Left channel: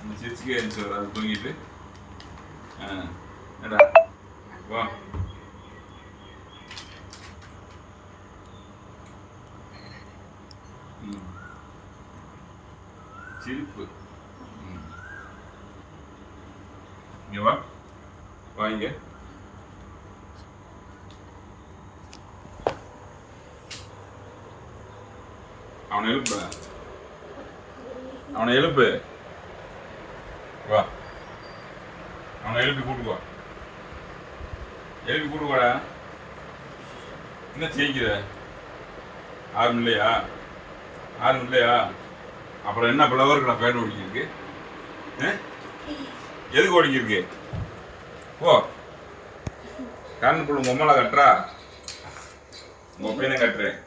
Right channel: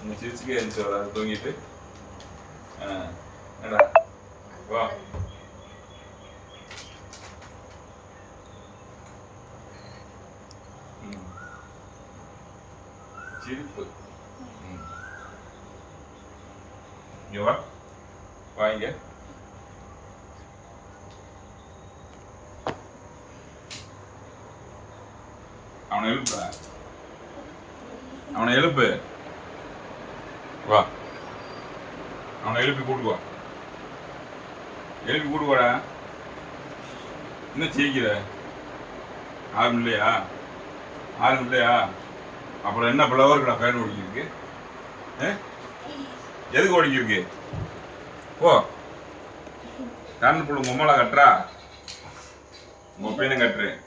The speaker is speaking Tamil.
இந்த சிரிச்சுக்கே இருந்துச்சு வராது தூங்கிட்டு என்ன வா சிரிப்பு இங்க வா வாங்க அவனை எழுப்பு அவனை எழுப்பு வா அவனை எழுப்பி கூட்டு வா எழுப்பி கூட்டு வாடா என்ன செய்கிற ஆளும் இல்லையா ஆளும் இல்லையா அப்புறம் என்ன ஃப்ளவர்களா ஃபேன் ஓடிக்கிருக்கு எதுக்கு ஓடிக்கிருக்கு ஓ கண்ணு புள்ள உங்க அம்மாவை கட்டுறா உங்க பையனை கட்டுறேன்